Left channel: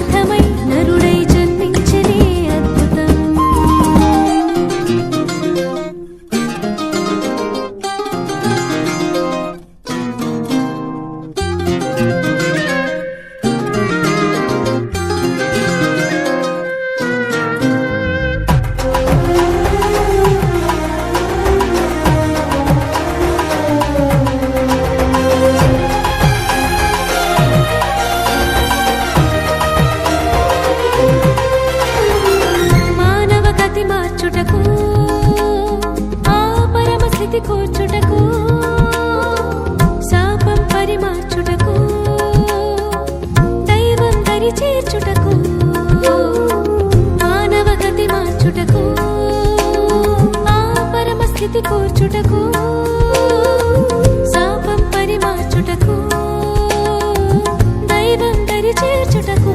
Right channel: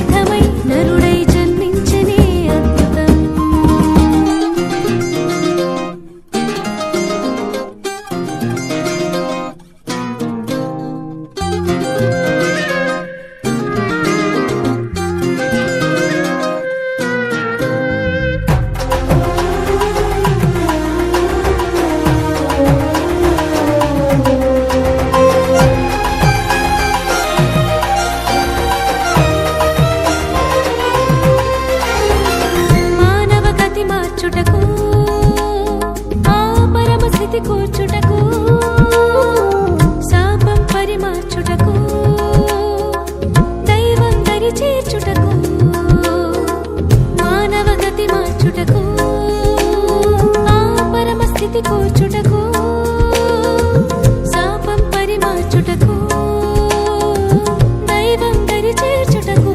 లోకరక్షణార్థమై నరుడై జన్మించనే అద్భుతం. మార్చుటకు ఆ పరమస్థితి కూర్చుటకు శాపం పరిమార్చుటకు దైవం దరి చేర్చుటకు మానవ గతి మార్చుటకు ఆ పరమస్థితి కూర్చుటకు శాపం పరిమార్చుటకు దైవం దరి చేర్చుటకు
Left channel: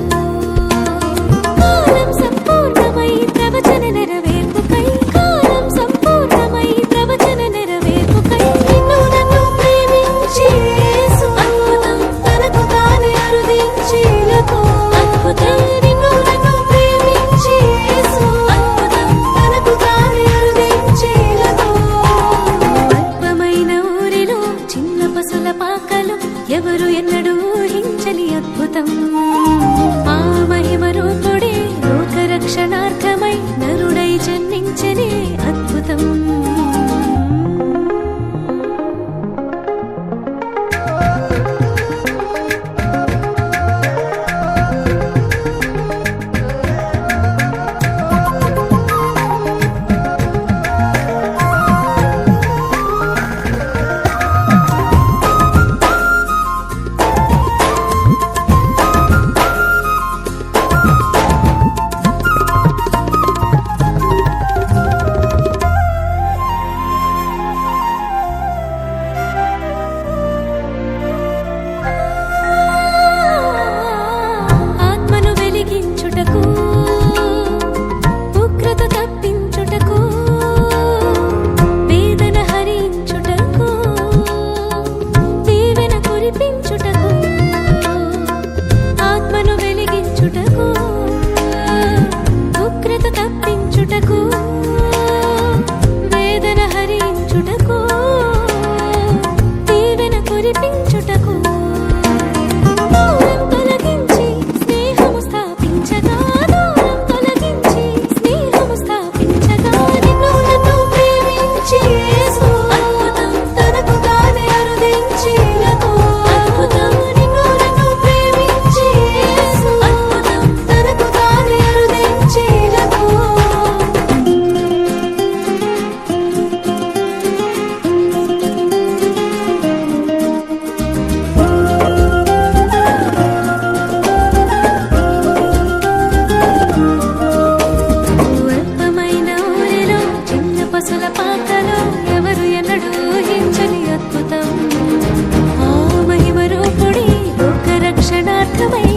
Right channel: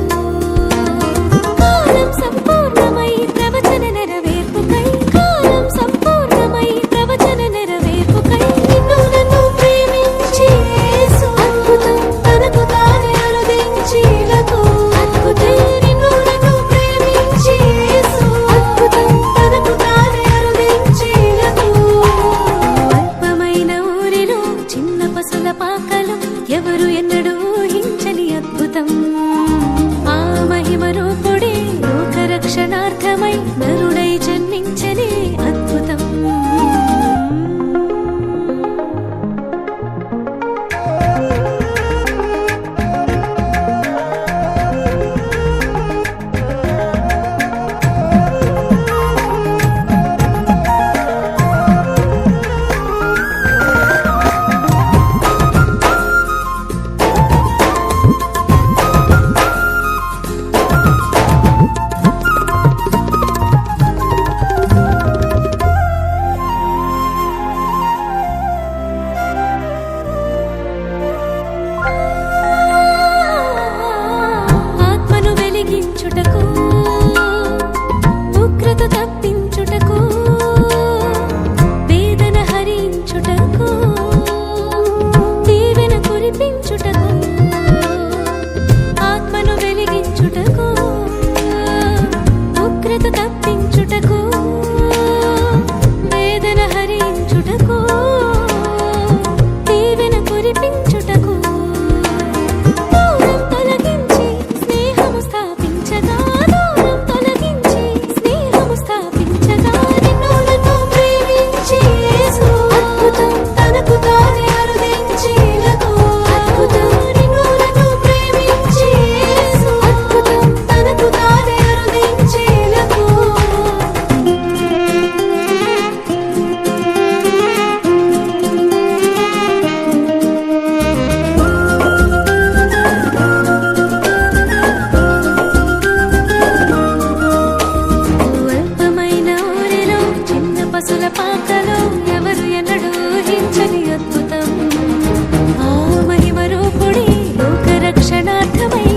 కాలం సంపూర్ణమై ప్రవచన నెరవేర్పుకై కాలం సంపూర్ణమై ప్రవచన నెరవేర్పుకై నిన్ను నన్ను ప్రేమించి యేసు అద్భుతం తనకు తానే అరుదించిలకు అద్భుతం నిన్ను నన్ను ప్రేమించి యేసు అద్భుతం తనకు తానే అరుదించిలకు అల్పమైన ఊరిలో చిన్న పసుల పాకలు ఎవరు ఎన్నడూ ఊహించని అద్భుతం ఆ మహిమ రూపుడే లోకరక్షణార్థమై నరుడై జన్మించనే అద్భుతం. వెలిగించుటకు ఉగ్రత తప్పించుటకు వేదన హరించుటకు దీవెన కురిపించుటకు ఆత్మను వెలిగించుటకు ఉగ్రత తప్పించుటకు వేదన హరించుటకు దీవెన కురిపించుటకు దూరం తొలగించి స్నేహము స్థాపించగా నిన్ను నన్ను ప్రేమించి యేసు అద్భుతం తనకు తానే అరుదించిలకు అద్భుతం నిన్ను నన్ను ప్రేమించి యేసు అద్భుతం తనకు తానే అరుదించిలకు పసుల పాకలో ఎవరు ఎన్నడూ ఊహించని అద్భుతం ఆ మహిమ రూపుడి లోకరక్షణార్థమై